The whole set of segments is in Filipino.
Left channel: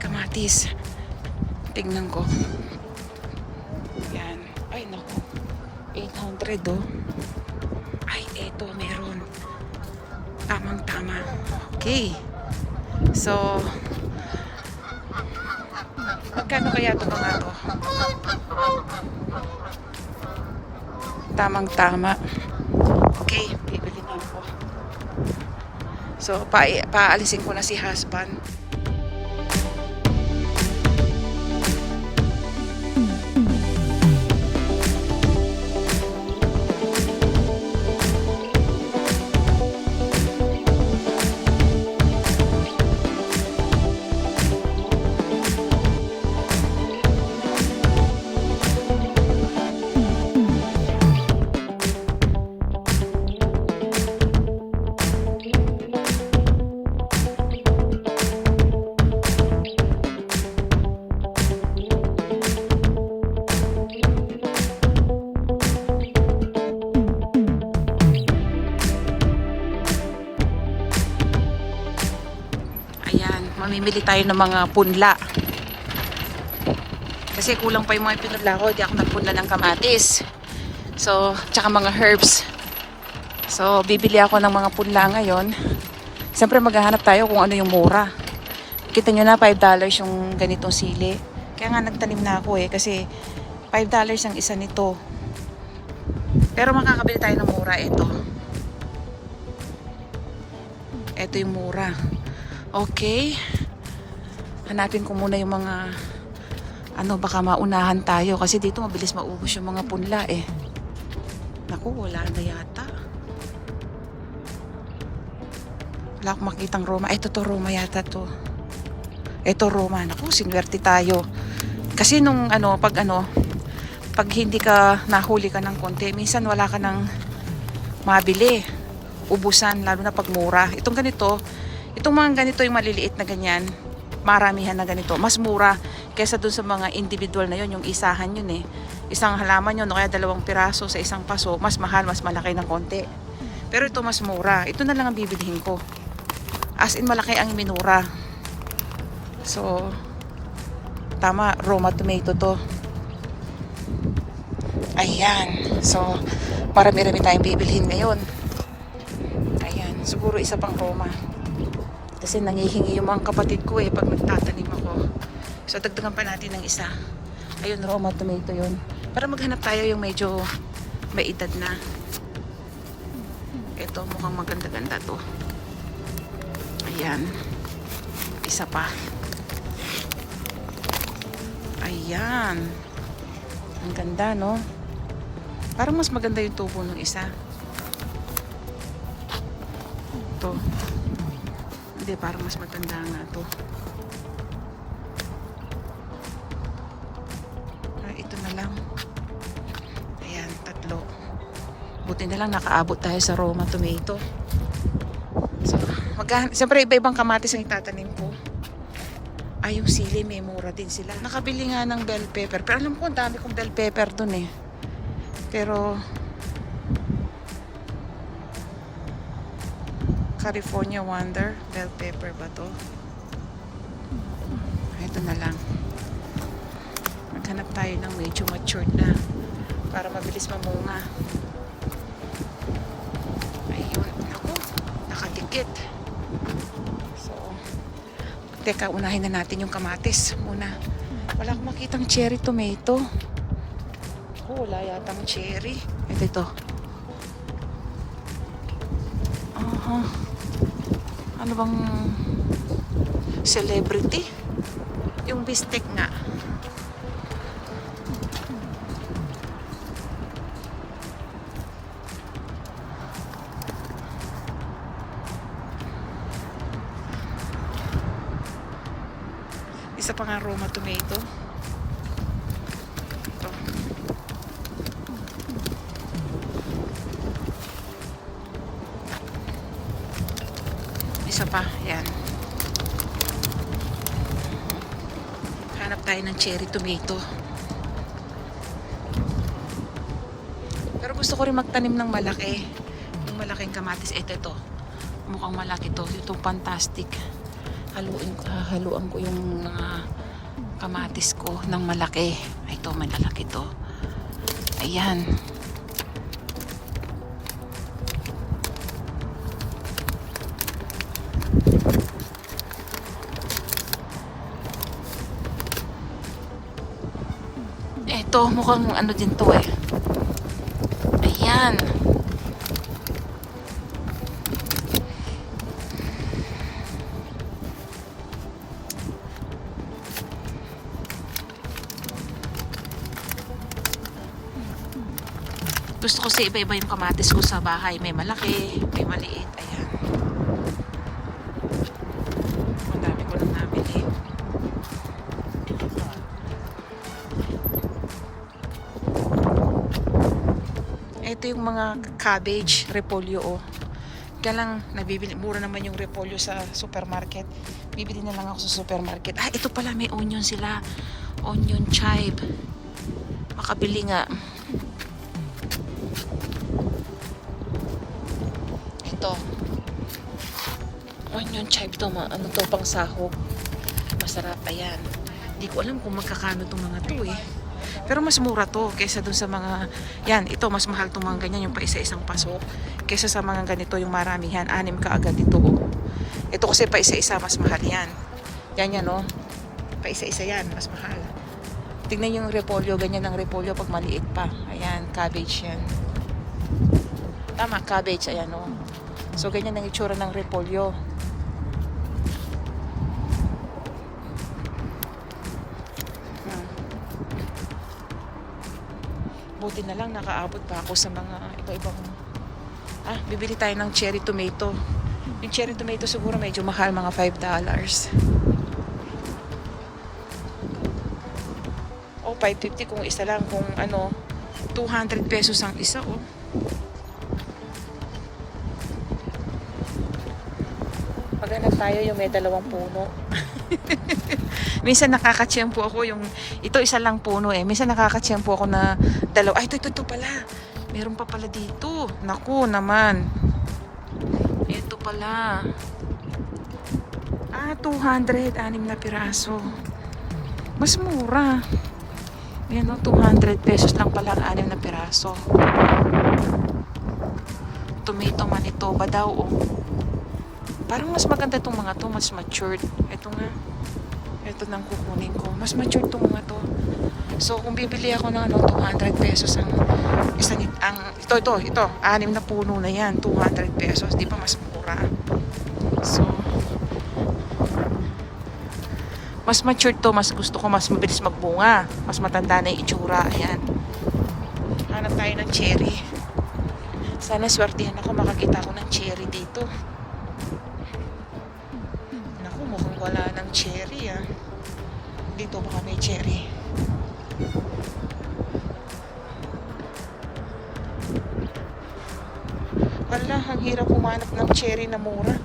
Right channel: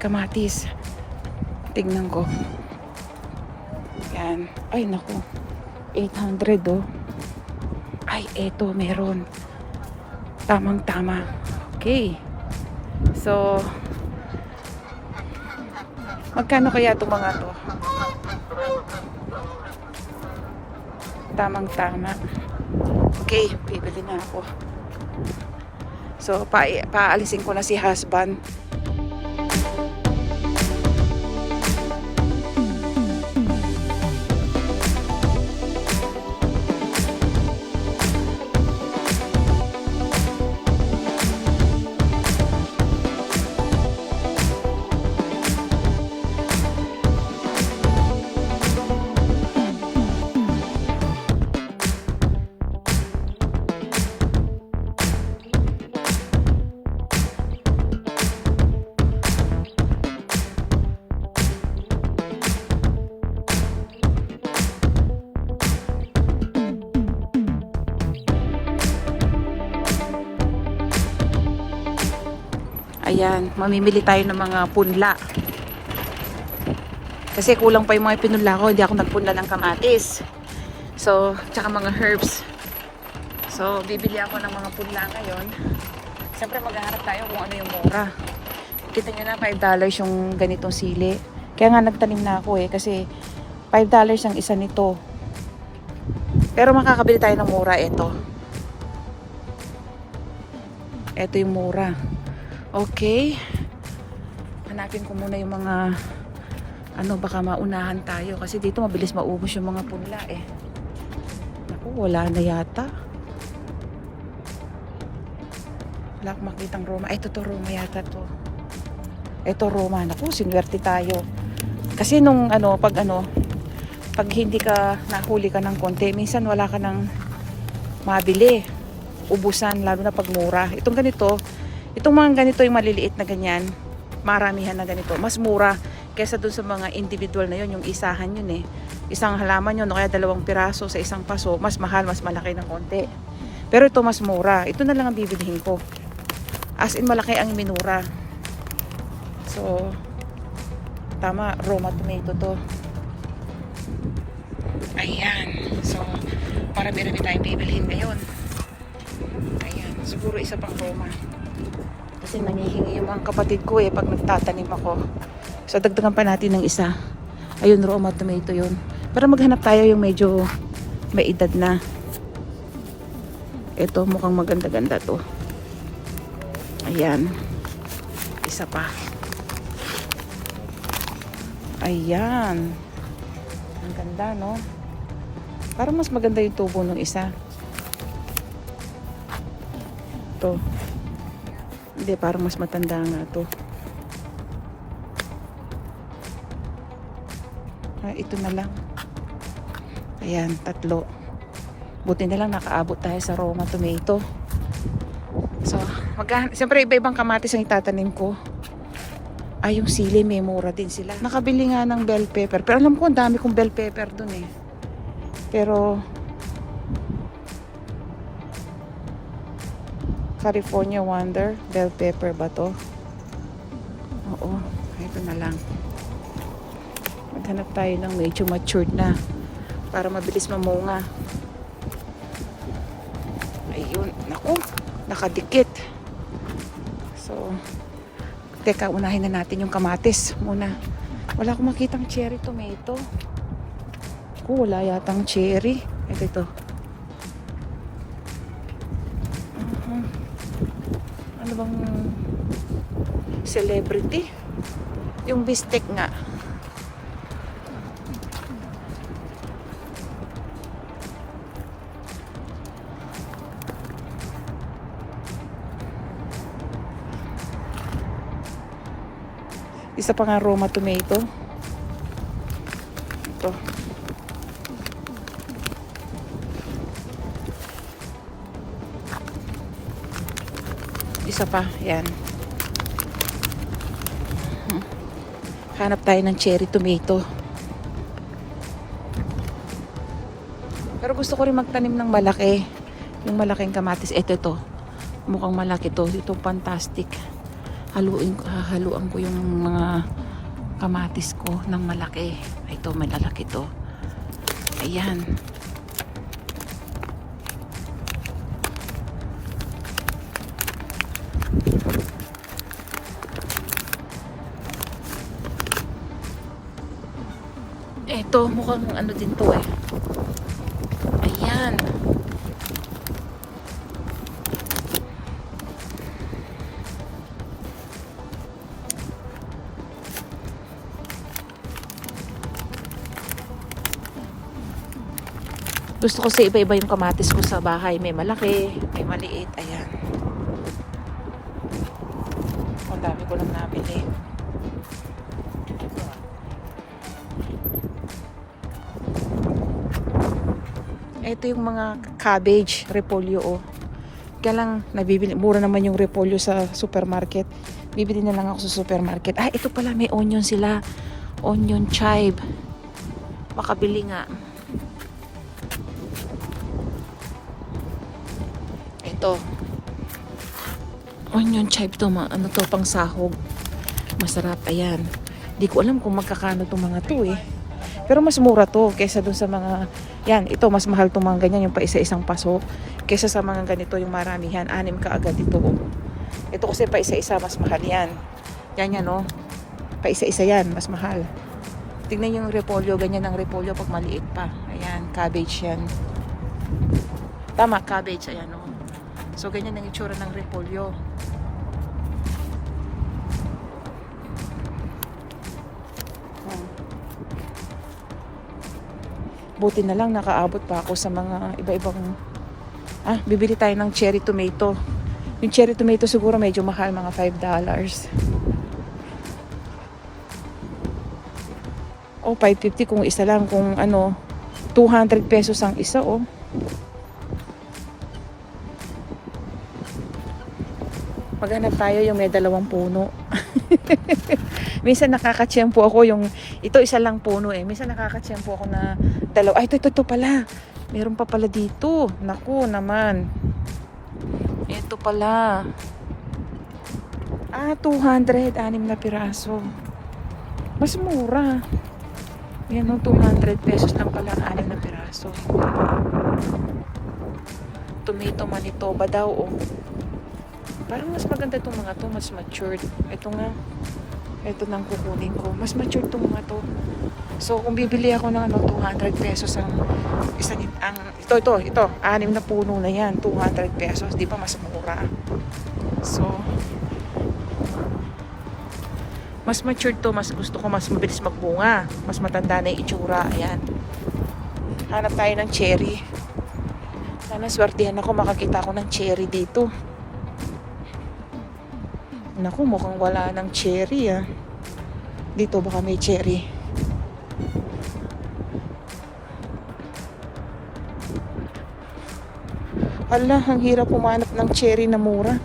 Kamatis. Tignan ko. Yan. Ay, naku. 800 oh. Ay, eto, meron. Tamang-tama. Okay. So, magkano kaya itong mga to? Tamang-tama. Okay, bibili na ako. So, pa paalisin ko na si husband. Mamimili tayo ng mga punla. Kasi kulang pa yung mga pinunla ko. Hindi ako nagpunla ng kamatis. So, tsaka mga herbs. So, bibili ako ng mga punla ngayon. Siyempre, maghahanap tayo kung ano yung mura. Kita nyo na, $5 yung ganitong sili. Kaya nga nagtanim na ako eh. Kasi, $5 ang isa nito. Pero makakabili tayo ng mura ito. Ito yung mura. Okay. Hanapin ko muna yung mga ano baka maunahan tayo kasi dito mabilis maubos yung mga punla eh. Naku, wala na yata. Wala akong makitang Roma. Ay, to Roma yata to. Ito Roma. Naku, sinwerte tayo. Kasi nung ano, pag ano, pag hindi ka nahuli ka ng konti, minsan wala ka ng mabili. Ubusan, lalo na pag mura. Itong ganito, itong mga ganito yung maliliit na ganyan, maramihan na ganito, mas mura kesa dun sa mga individual na yun, yung isahan yun eh. Isang halaman yun, o kaya dalawang piraso sa isang paso, mas mahal, mas malaki ng konti. Pero ito mas mura. Ito na lang ang bibilihin ko. As in, malaki ang minura. So, tama, Roma tomato to. Ayan. So, marami-rami tayong bibilhin ngayon. Ayan. Siguro isa pang Roma. Kasi nangihingi yung mga kapatid ko eh pag nagtatanim ako. So, dagdagan pa natin ng isa. Ayun, Roma tomato yun. Pero maghanap tayo yung medyo may edad na. Ito, mukhang maganda-ganda to. Ayan. Isa pa. Ayan. Ang ganda, no? Parang mas maganda yung tubo ng isa. Ito. Hindi, parang mas matanda nga to. Ah, ito na lang. Ayan, tatlo. Buti na lang nakaabot tayo sa Roma tomato. So, mag siyempre iba-ibang kamatis ang itatanim ko. Ay, yung sili, may mura din sila. Nakabili nga ng bell pepper. Pero alam ko, ang dami kong bell pepper dun eh. Pero, California Wonder, bell pepper ba to? Oo, ito na lang. Maghanap tayo ng medyo matured na para mabilis mamunga. Ayun, naku, nakadikit. So, teka, unahin na natin yung kamatis muna. Wala akong makitang cherry tomato. Oh, wala yatang cherry. Ito, ito. Aha. Ano bang celebrity? Yung bistek nga. Isa pa nga Roma tomato. Ito. Isa pa, yan. Hanap tayo ng cherry tomato. Pero gusto ko rin magtanim ng malaki. Yung malaking kamatis. Ito, ito. Mukhang malaki to. Ito, fantastic. haluin ko, haluan ko yung mga kamatis ko ng malaki. Ito, malalaki to. Ayan. Eto, mukhang ano din to eh. Ayan. Gusto ko sa iba-iba yung kamatis ko sa bahay. May malaki, may maliit. Ito yung mga cabbage, repolyo oh. Kaya lang, nabibili, mura naman yung repolyo sa supermarket. Bibili na lang ako sa supermarket. Ah, ito pala, may onion sila. Onion chive. Makabili nga. Ito. Onion chive to, ma. Ano to, pang sahog. Masarap, ayan. Di ko alam kung magkakano tong mga to eh. Pero mas mura to kaysa dun sa mga, yan, ito mas mahal tong mga ganyan, yung pa isa-isang paso. Kaysa sa mga ganito, yung maramihan, anim ka agad ito. oh. Ito kasi pa isa-isa, mas mahal yan. Yan yan, no? Pa isa-isa yan, mas mahal. Tingnan yung repolyo, ganyan ang repolyo pag maliit pa. Ayan, cabbage yan. Tama, cabbage, ayan, no? So, ganyan ang itsura ng repolyo. Buti na lang nakaabot pa ako sa mga iba-ibang Ah, bibili tayo ng cherry tomato. Yung cherry tomato siguro medyo mahal, mga 5 dollars. Oh, 550 kung isa lang. Kung ano, 200 pesos ang isa, oh. Maghanap tayo yung may dalawang puno. Minsan nakakatsyempo ako yung, ito isa lang puno eh. Minsan nakakatsyempo ako na dalawa. Ay, ito, ito, ito pala. Meron pa pala dito. Naku naman. Ito pala. Ah, 200. Anim na piraso. Mas mura. Yan o, 200 pesos lang pala ang anim na piraso. Tomato Manitoba daw oh. Parang mas maganda itong mga to, mas matured. Ito nga. Ito nang kukunin ko. Mas matured itong mga to. So, kung bibili ako ng ano, 200 pesos ang isa nit, ang ito ito ito, anim na puno na 'yan, 200 pesos, di ba mas mura. So, mas mature to, mas gusto ko mas mabilis magbunga, mas matanda na yung itsura, ayan. Hanap tayo ng cherry. Sana swertihan ako makakita ako ng cherry dito. Naku, mukhang wala ng cherry ah. Dito baka may cherry. Ala, ang hirap humanap ng cherry na mura.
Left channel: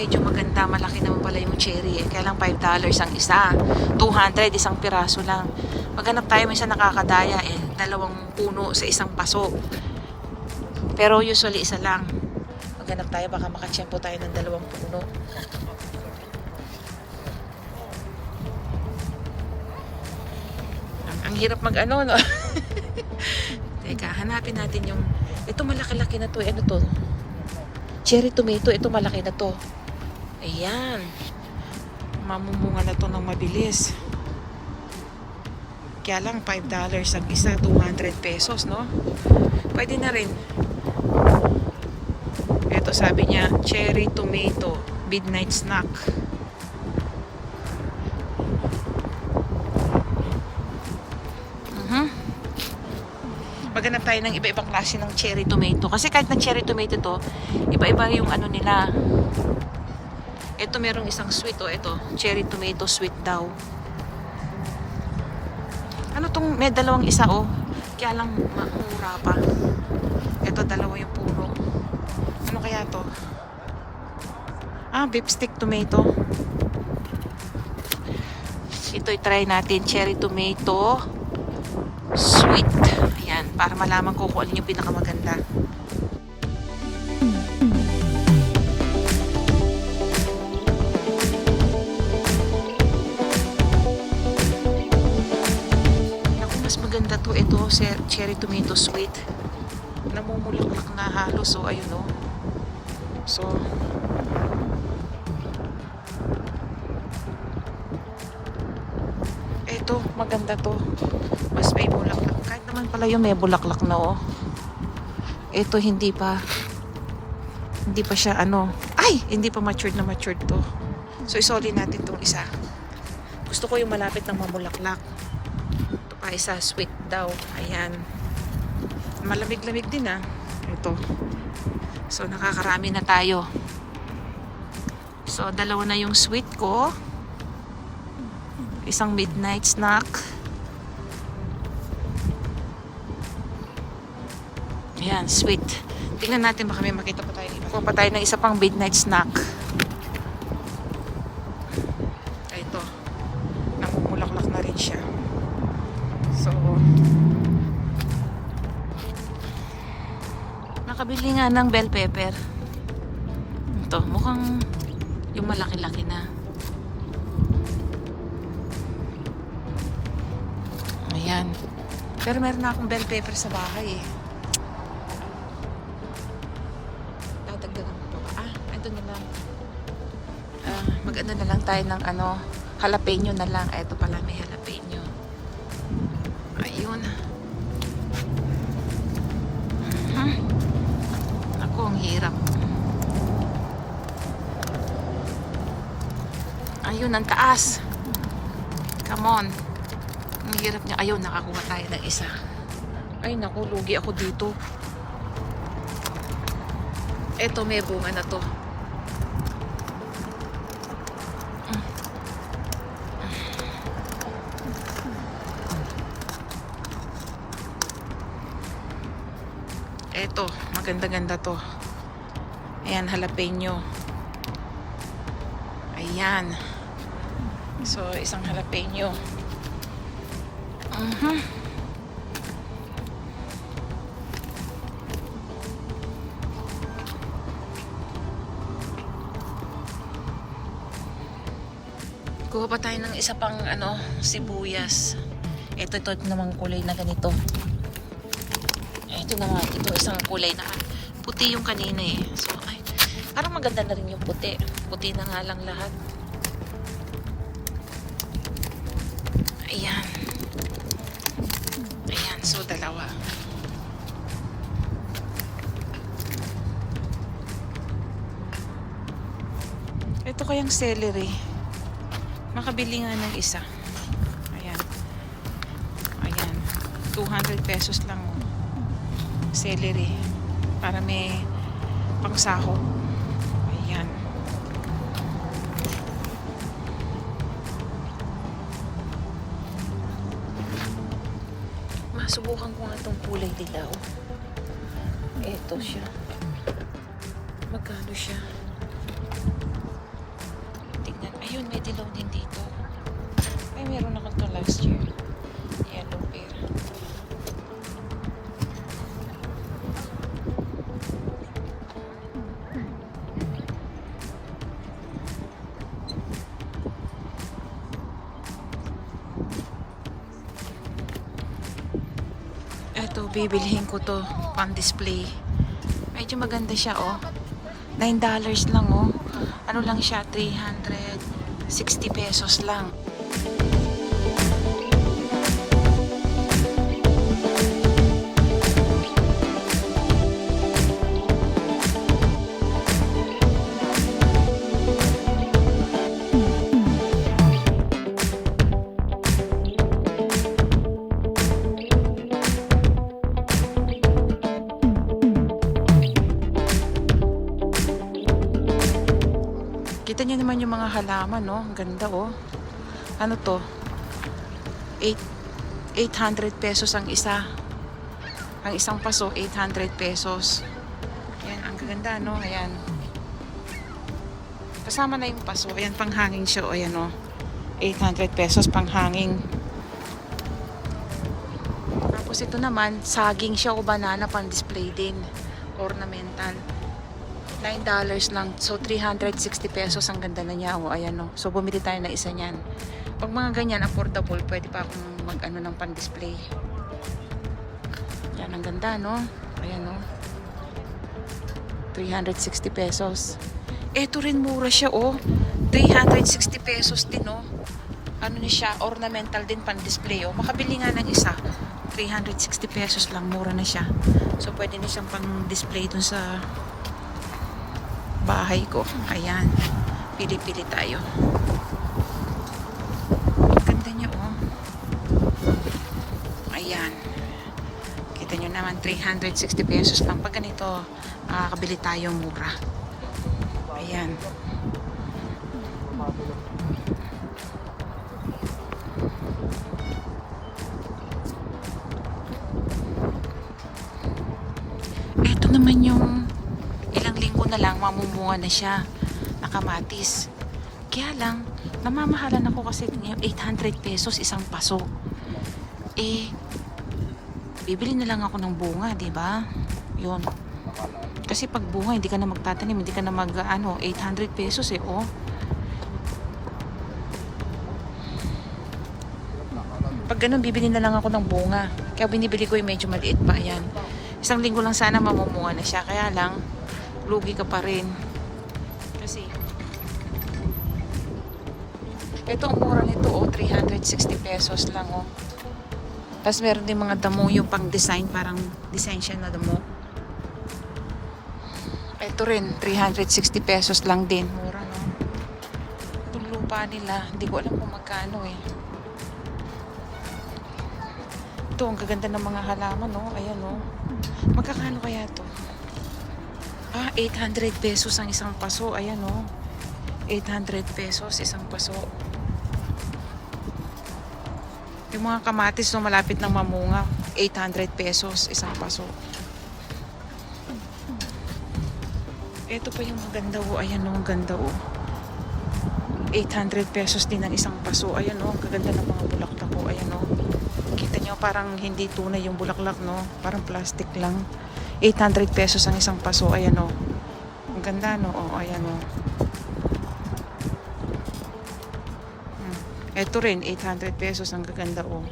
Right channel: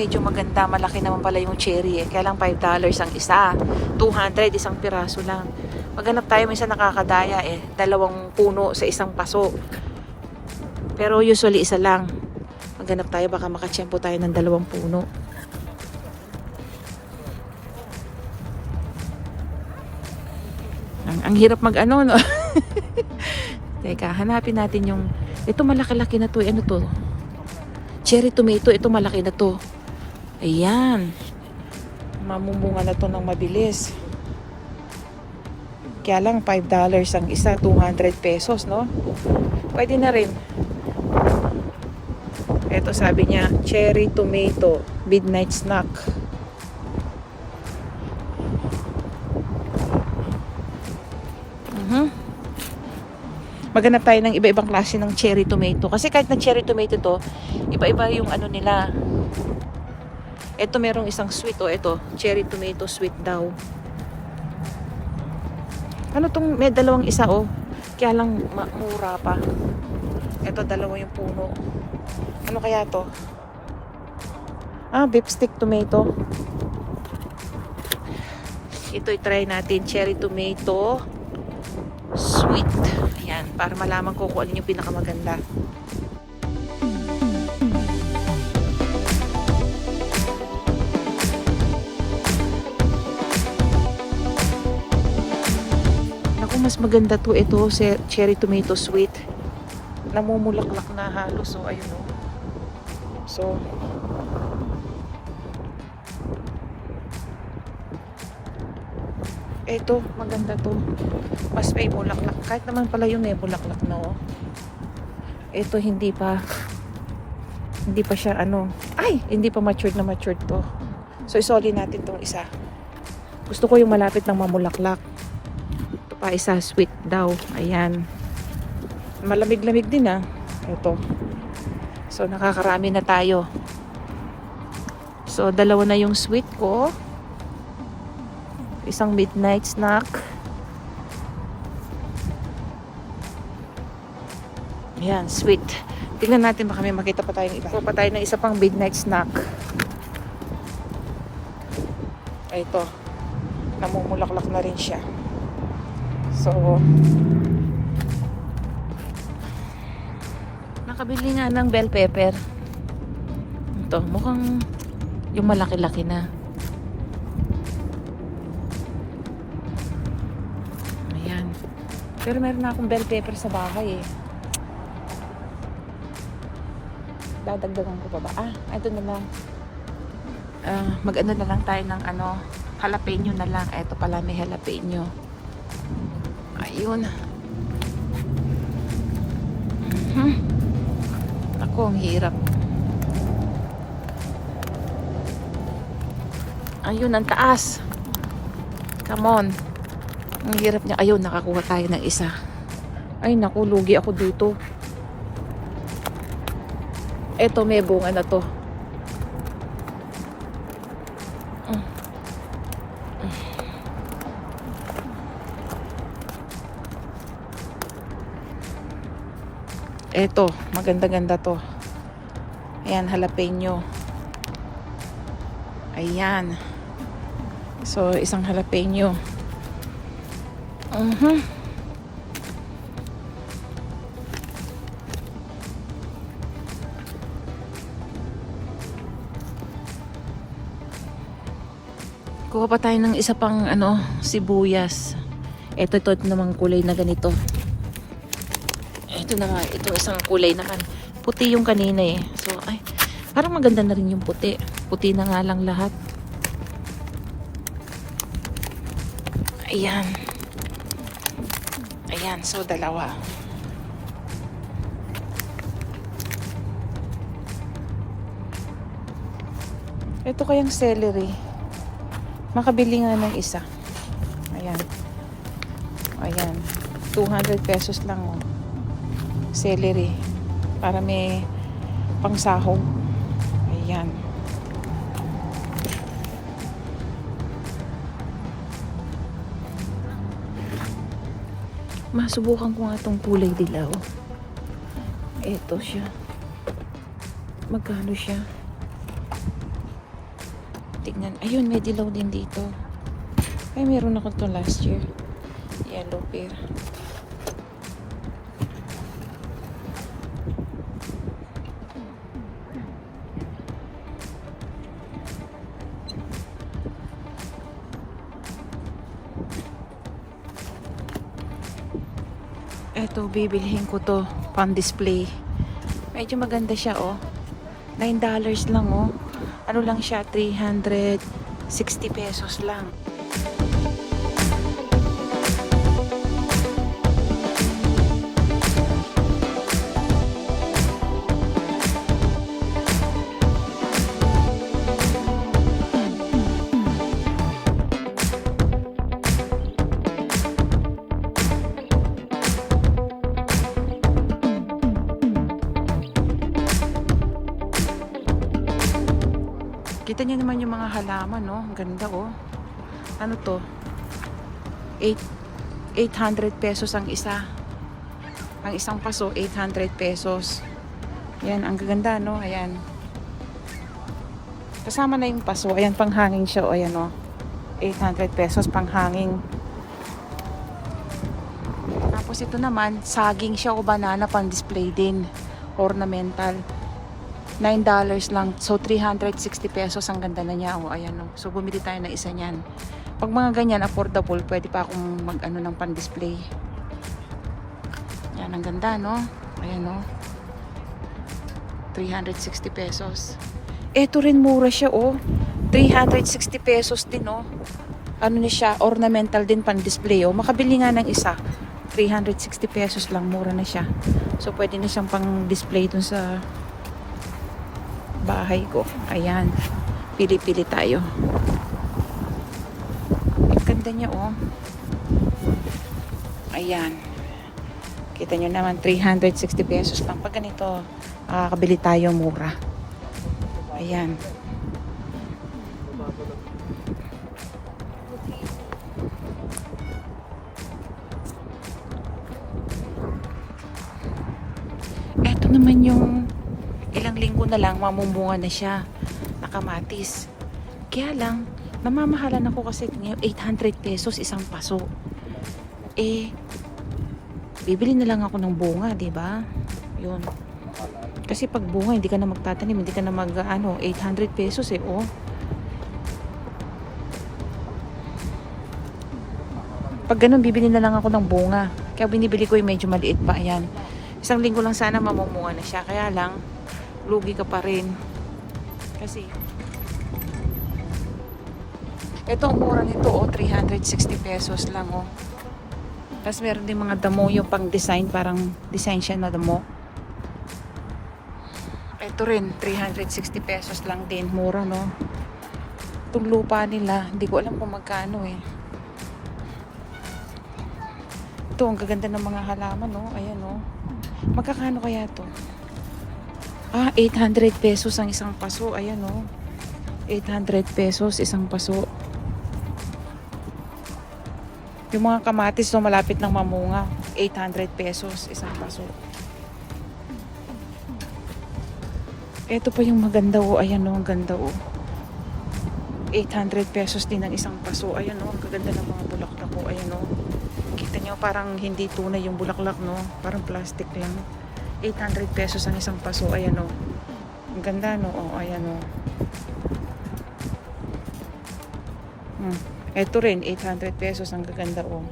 Medyo maganda, malaki naman pala yung cherry eh. Kaya lang $5 ang isa. 200 isang piraso lang. Maghanap tayo minsan nakakadaya eh. Dalawang puno sa isang paso. Pero usually isa lang. Maghanap tayo baka makachempo tayo ng dalawang puno. Ang, ang hirap mag ano no. Teka, hanapin natin yung ito malaki-laki na to, ano to? Cherry tomato, ito malaki na to. Ayan. Mamumunga na to ng mabilis. Kaya lang $5 ang isa, 200 pesos, no? Pwede na rin. Ito sabi niya, cherry tomato, midnight snack. Mhm. Maghanap tayo ng iba-ibang klase ng cherry tomato. Kasi kahit na cherry tomato to, iba-iba yung ano nila. Ito merong isang sweet oh, ito, cherry tomato sweet daw. Ano tong may dalawang isa oh. Kaya lang mura pa. Ito dalawa yung puno. Ano kaya to? Ah, beef tomato. Ito try natin cherry tomato sweet. Ayan, para malaman ko kung alin yung pinakamaganda. Maganda to ito, cherry tomato sweet. Namumulaklak na halos, so ayun oh. So, Eto, maganda to. Mas may bulaklak. Kahit naman pala yung may bulaklak na oh. Ito hindi pa hindi pa siya ano. Ay, hindi pa matured na matured to. So isoli natin tong isa. Gusto ko yung malapit ng mamulaklak. Pa isa sweet daw. Ayan. Malamig-lamig din ah. Ito. So nakakarami na tayo. So dalawa na yung sweet ko isang midnight snack. Ayan, sweet. Tingnan natin baka may makita pa tayo ng iba. Kuha pa tayo ng isa pang midnight snack. Ito. Namumulaklak na rin siya. So, nakabili nga ng bell pepper. Ito, mukhang yung malaki-laki na. Ayan. Pero meron na akong bell pepper sa bahay eh. Dadagdagan ko pa ba? Ah, ito na lang. Ah, mag-ano na lang tayo ng ano, jalapeno na lang. Ito pala may jalapeno. Ayun. Mhm. Ako, ang hirap. Ayun, ang taas. Come on. Ang hirap niya. Ayun, nakakuha tayo ng isa. Ay, naku, lugi ako dito. Eto, may bunga na to. Eto, maganda-ganda to. Ayan, jalapeno. Ayan. So, isang jalapeno. Mhm. Kuha pa tayo ng isa pang ano, sibuyas. Ito, ito, ito namang kulay na ganito. Ito na nga, ito isang kulay na kan. Puti yung kanina eh. So, ay, parang maganda na rin yung puti. Puti na nga lang lahat. Ayan. Ayan, so dalawa. Ito kayang celery. Makabili nga ng isa. Ayan. Ayan. 200 pesos lang oh. Celery. Para may pangsahog. Ayan. Masubukan ko nga itong kulay dilaw. Ito siya. Magkano siya? Tignan. Ayun, may dilaw din dito. Ay, meron ako ito last year. Eto, bibilihin ko to pang display. Medyo maganda siya, oh. $9 lang, oh. Ano lang siya, 360 pesos lang. Halaman, no? Ang ganda, oh. Ano to? 8 800 pesos ang isa. Ang isang paso, 800 pesos. Ayan, ang ganda, no? Ayan. Kasama na yung paso. Ayan, panghangin siya, oh. Ayan, oh. 800 pesos pang hanging. Tapos ito naman, saging siya o banana pang display din. Ornamental. $9 lang. So, 360 pesos. Ang ganda na niya. O, ayan o. So, bumili tayo na isa niyan. Pag mga ganyan, affordable, pwede pa akong mag-ano ng pan-display. Yan, ang ganda, no? Ayan, no? 360 pesos. Ito rin mura siya, oh. 360 pesos din, oh. Ano niya siya, ornamental din pan-display, oh. Makabili nga ng isa. 360 pesos lang, mura na siya. So, pwede niyo siyang pang-display dun sa bahay ko. Ayan. Pili-pili tayo. Ang Ganda niya, oh. Ayan. Kita nyo naman, 360 pesos lang. Pag ganito, makakabili tayo mura. Ayan. Mamumunga na siya. Nakamatis. Kaya lang, namamahalan ako kasi ngayon 800 pesos isang paso. Eh, bibili na lang ako ng bunga, 'di ba? 'Yun. Kasi pag bunga, hindi ka na magtatanim, hindi ka na mag ano, 800 pesos eh, oh. Pag ganun, bibili na lang ako ng bunga. Kaya binibili ko yung medyo maliit pa, ayan. Isang linggo lang sana mamumunga na siya. Kaya lang, lugi ka pa rin. Kasi, ito ang mura nito, oh, 360 pesos lang, oh. Tapos meron din mga damo yung pang design, parang design siya na damo. Ito rin, 360 pesos lang din. Mura, no? Itong lupa nila, hindi ko alam kung magkano eh. Ito, ang gaganda ng mga halaman, no? Ayan, no? Magkakano kaya to? Ah, 800 pesos ang isang paso. Ayan, no? 800 pesos isang paso. Yung mga kamatis no, malapit ng mamunga, 800 pesos isang paso. Ito pa yung maganda oh. Ayan oh, ang ganda oh. 800 pesos din ang isang paso. Ayan oh, ang gaganda ng mga bulaklak oh. Ayan oh. Kita nyo parang hindi tunay yung bulaklak no. Parang plastic lang. 800 pesos ang isang paso. Ayan oh. Ang ganda no. Oh, ayan oh. Hmm. Ito rin, 800 pesos ang gaganda oh.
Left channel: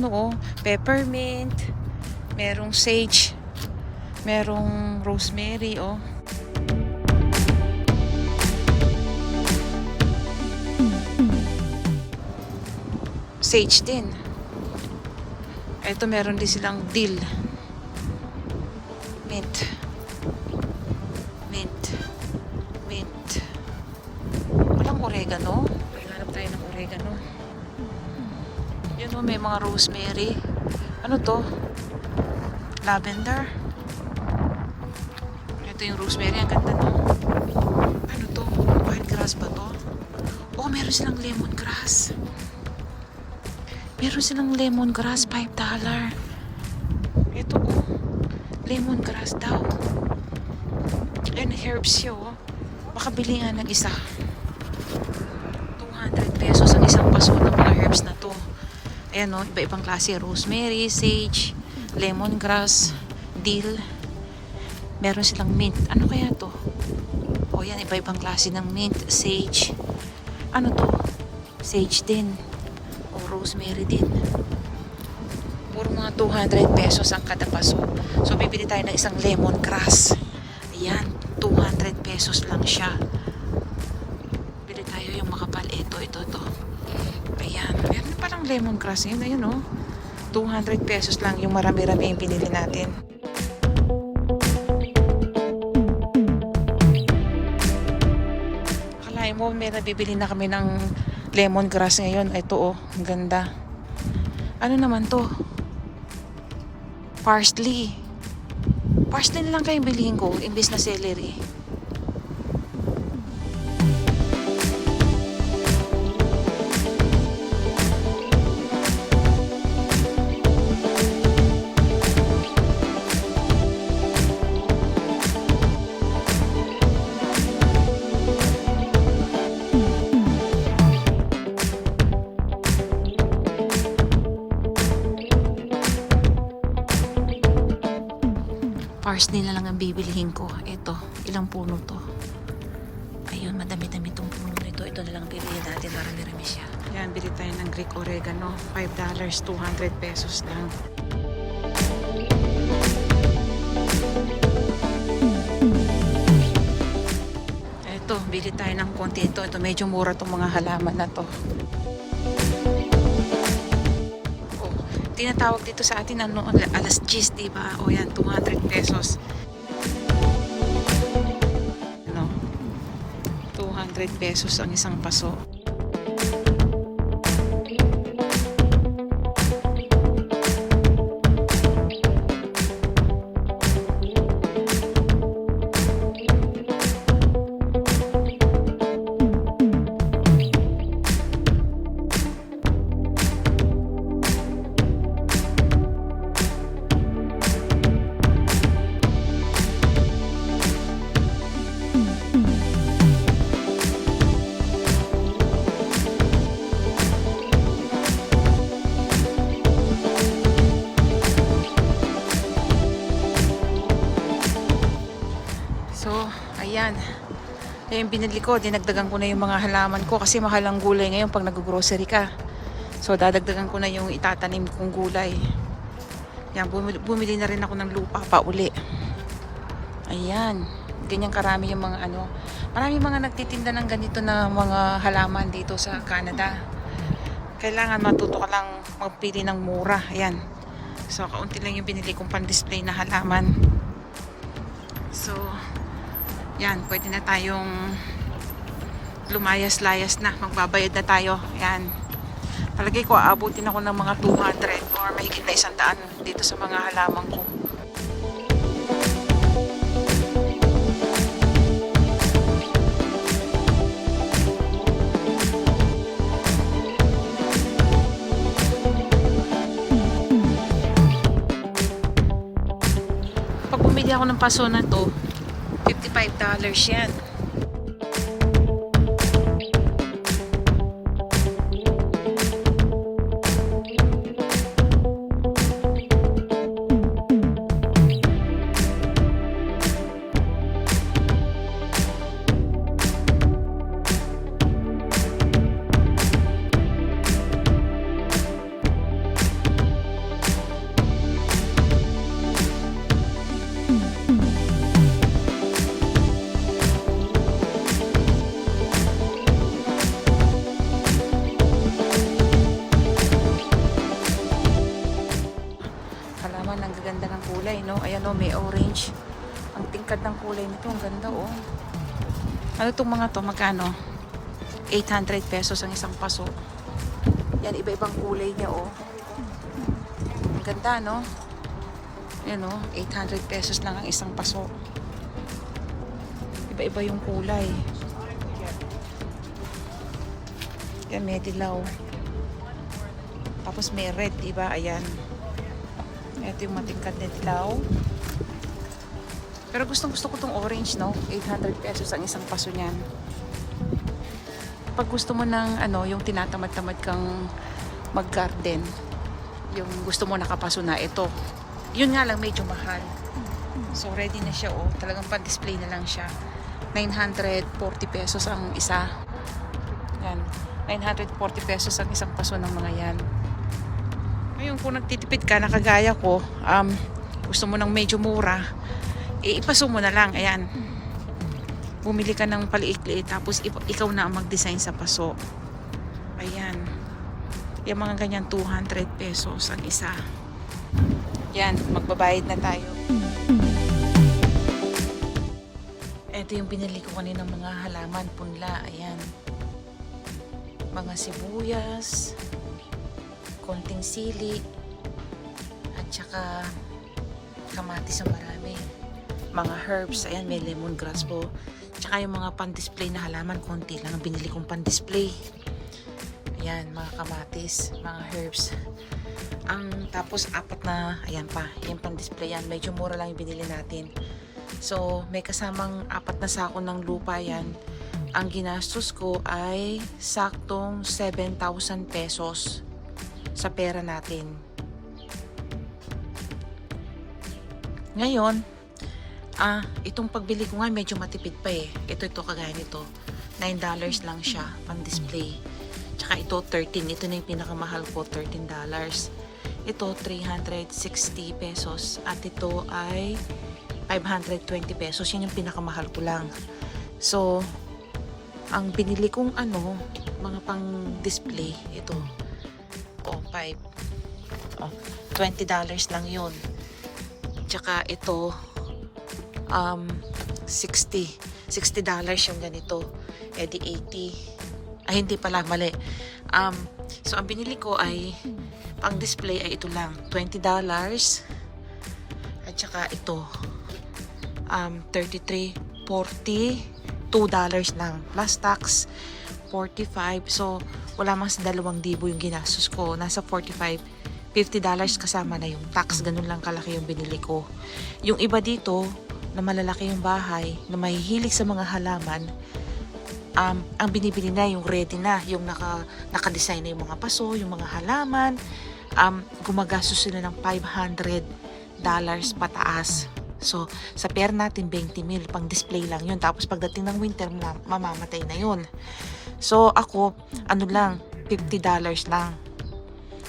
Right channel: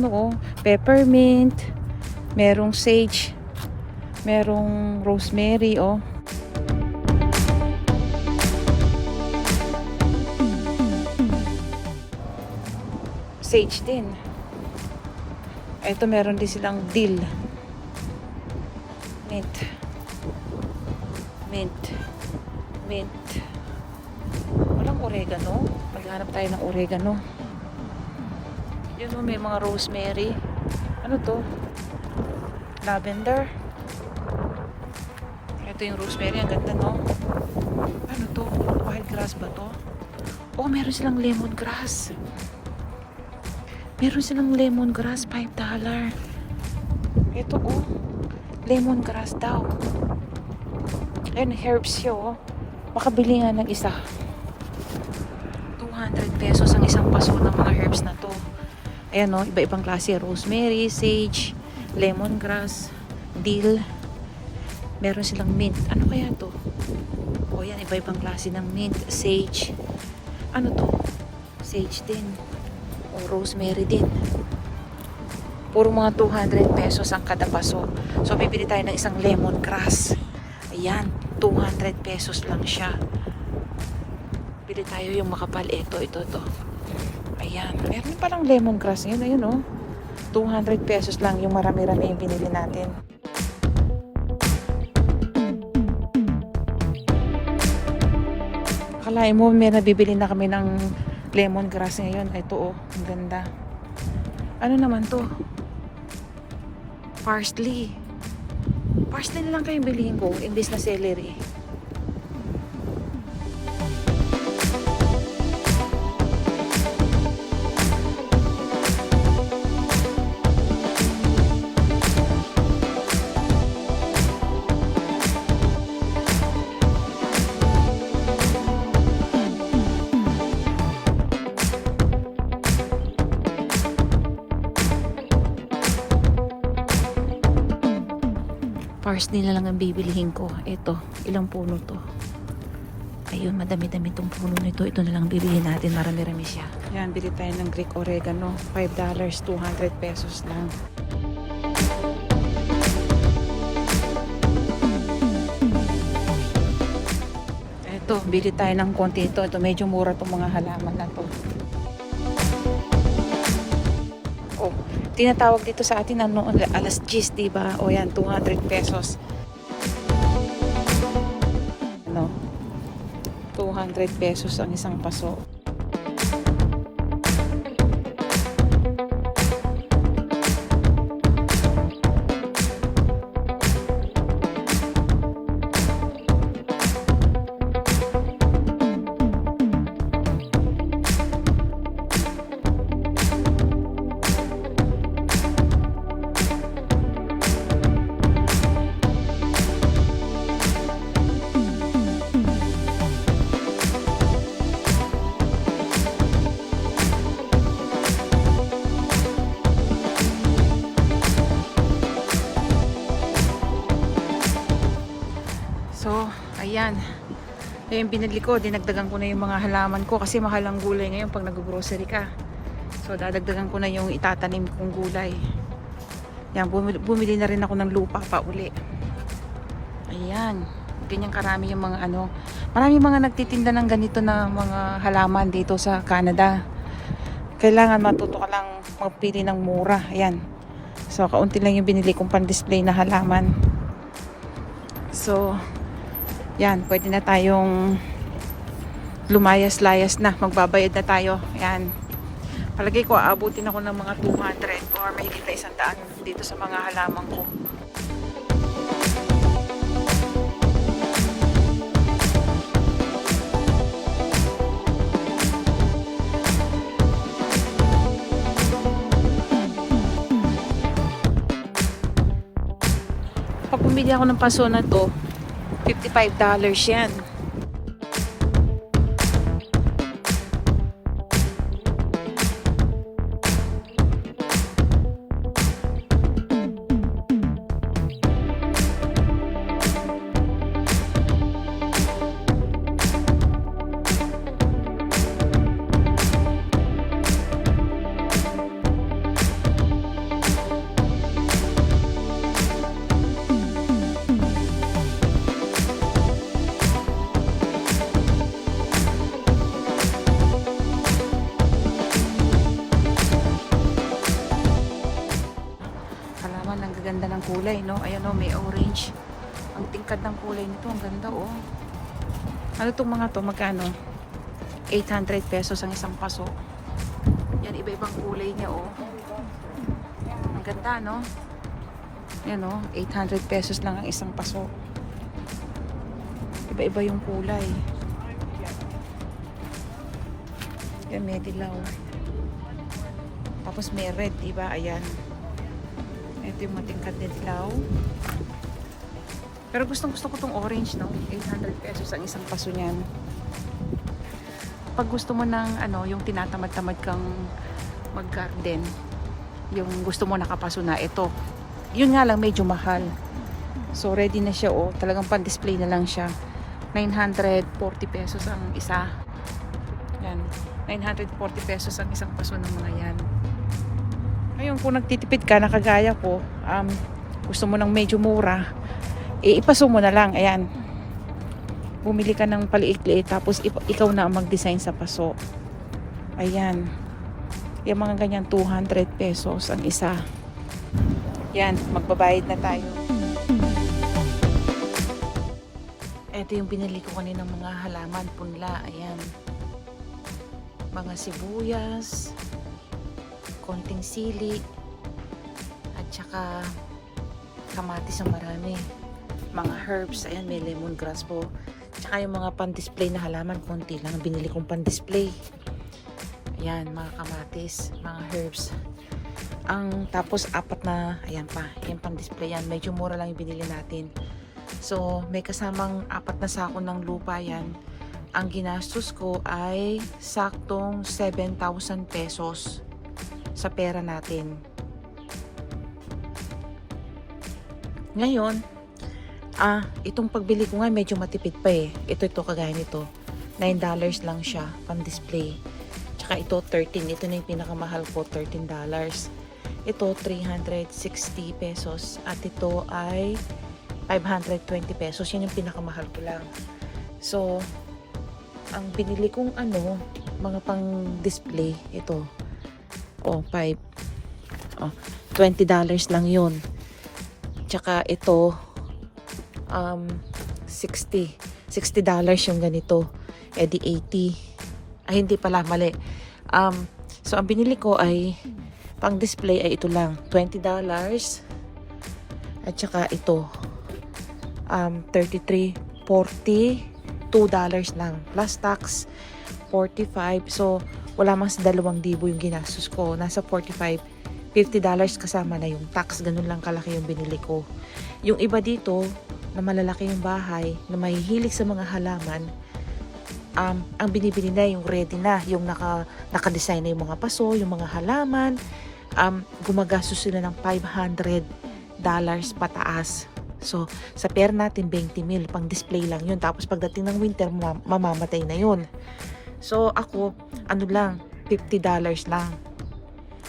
Ano oh, peppermint, merong sage, merong rosemary oh. Sage din. Ito meron din silang dill. Mint. Mint. Mint. Walang oregano. Paghanap tayo ng oregano. Yun may mga rosemary. Ano to? Lavender. Ito yung rosemary. Ang ganda, no? Ano to? Wild grass ba to? Oh, meron silang lemongrass. Meron silang lemongrass. $5. Ito, oh. Lemongrass daw. Ayan, herbs siya, oh. Makabili nga ng isa. 200 pesos ang isang paso ng mga herbs na. Ayan o, iba-ibang klase. Rosemary, sage, lemongrass, dill. Meron silang mint. Ano kaya to? O yan, iba-ibang klase ng mint, sage. Ano to? Sage din. O rosemary din. Puro mga 200 pesos ang kada paso. So, bibili tayo ng isang lemongrass. Ayan, 200 pesos lang siya. Bili tayo yung makapal. Ito, ito, ito. Ayan, meron palang lemongrass. Yun, ayun oh. 200 pesos lang yung marami-rami yung binili natin. Akalain mo, may nabibili na kami ng lemongrass ngayon. Ito oh, ang ganda. Ano naman to? Parsley. Parsley na lang kayong bilhin ko, imbis na celery. Parsley na lang ang bibilihin ko. Ito, ilang puno to? Ayun, madami-dami tong puno na ito. Lang bibilihin natin. Marami-rami siya. Yan, bili tayo ng Greek oregano. $5, 200 pesos lang. Ito, bili tayo ng konti ito. Ito, medyo mura tong mga halaman na to. Tinatawag dito sa atin ano, alas 10, di ba? O yan, 200 pesos. Ano? 200 pesos ang isang paso. Yung binili ko, dinagdagan ko na yung mga halaman ko kasi mahal ang gulay ngayon pag nag-grocery ka. So, dadagdagan ko na yung itatanim kong gulay. Yan, bumili, bumili na rin ako ng lupa pa uli. Ayan. Ganyan karami yung mga ano. Marami mga nagtitinda ng ganito na mga halaman dito sa Canada. Kailangan matuto ka lang magpili ng mura. Ayan. So, kaunti lang yung binili kong pan-display na halaman. So, yan, pwede na tayong lumayas-layas na. Magbabayad na tayo. Yan. Palagay ko, aabutin ako ng mga 200 or mahigit na isang daan dito sa mga halaman ko. Pag bumili ako ng paso na to, $55 yan. No? Ayan, oh, may orange. Ang tingkad ng kulay nito, ang ganda, oh. Ano tong mga to? Magkano? 800 pesos ang isang paso. Yan, iba-ibang kulay niya, oh. Ang ganda, no? Yan, oh. 800 pesos lang ang isang paso. Iba-iba yung kulay. Yan, may dilaw. Tapos may red, diba? Ayan. Ito yung matingkad na dilaw. Pero gustong gusto ko tong orange, no? 800 pesos ang isang paso niyan. Pag gusto mo ng ano, yung tinatamad-tamad kang mag-garden, yung gusto mo nakapaso na ito. Yun nga lang medyo mahal. So ready na siya oh, talagang pan-display na lang siya. 940 pesos ang isa. Yan. 940 pesos ang isang paso ng mga yan. Ngayon, kung nagtitipid ka, nakagaya ko, um, gusto mo ng medyo mura, eh, ipaso mo na lang. Ayan. Bumili ka ng paliit-liit, tapos ikaw na ang mag-design sa paso. Ayan. Yung mga ganyan, 200 pesos ang isa. Yan, magbabayad na tayo. Ito yung binili ko kanina mga halaman, punla. Ayan. Mga sibuyas, konting sili, at saka kamatis na marami. Mga herbs, ayan, may lemongrass po. Tsaka yung mga pan-display na halaman, konti lang ang binili kong pan-display. Ayan, mga kamatis, mga herbs. Ang tapos apat na, ayan pa, yung pan-display yan. Medyo mura lang yung binili natin. So, may kasamang apat na sako ng lupa yan. Ang ginastos ko ay saktong 7,000 pesos sa pera natin. Ngayon, ah, itong pagbili ko nga medyo matipid pa eh. Ito, ito, kagaya nito. $9 lang siya, pang-display. Tsaka ito, 13. Ito na yung pinakamahal ko, $13. Ito, 360 pesos. At ito ay 520 pesos. Yan yung pinakamahal ko lang. So, ang binili kong ano, mga pang-display, ito. Oh, 5. Oh, $20 lang yun. Tsaka ito, um, 60. $60 yung ganito. Eh di 80. Ay, hindi pala, mali. Um, so, ang binili ko ay, pang display ay ito lang. $20. At saka ito, um, 33, 40, $2 lang. Plus tax, 45. So, wala mang sa dalawang dibo yung ginastos ko. Nasa 45, $50 kasama na yung tax. Ganun lang kalaki yung binili ko. Yung iba dito, na malalaki yung bahay, na mahihilig sa mga halaman, um, ang binibili na yung ready na, yung naka, naka-design na yung mga paso, yung mga halaman, um, gumagastos sila ng 500 dollars pataas. So, sa pera natin, 20 mil, pang display lang yun. Tapos pagdating ng winter, ma- mamamatay na yun. So, ako, ano lang, 50 dollars lang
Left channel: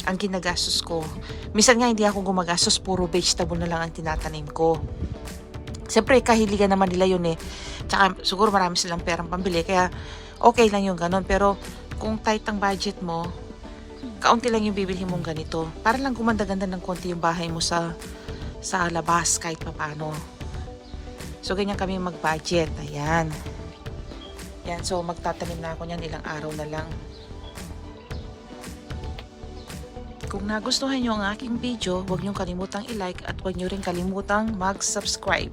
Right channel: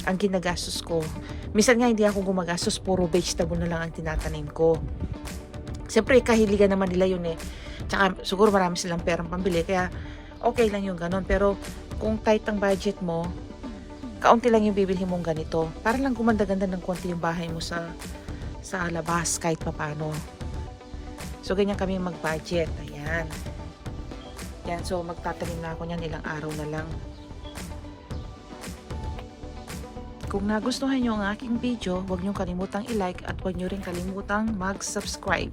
ang ginagastos ko. Minsan nga hindi ako gumagastos, puro vegetable na lang ang tinatanim ko. Siyempre, kahiligan naman nila yun eh. Tsaka, siguro marami silang perang pambili, kaya okay lang yung ganon. Pero, kung tight ang budget mo, kaunti lang yung bibili mong ganito. Para lang gumanda-ganda ng konti yung bahay mo sa sa labas kahit papano. So, ganyan kami mag-budget. Ayan. Yan, so magtatanim na ako niyan ilang araw na lang. Kung nagustuhan nyo ang aking video, huwag nyo kalimutang i-like at huwag nyo rin kalimutang mag-subscribe.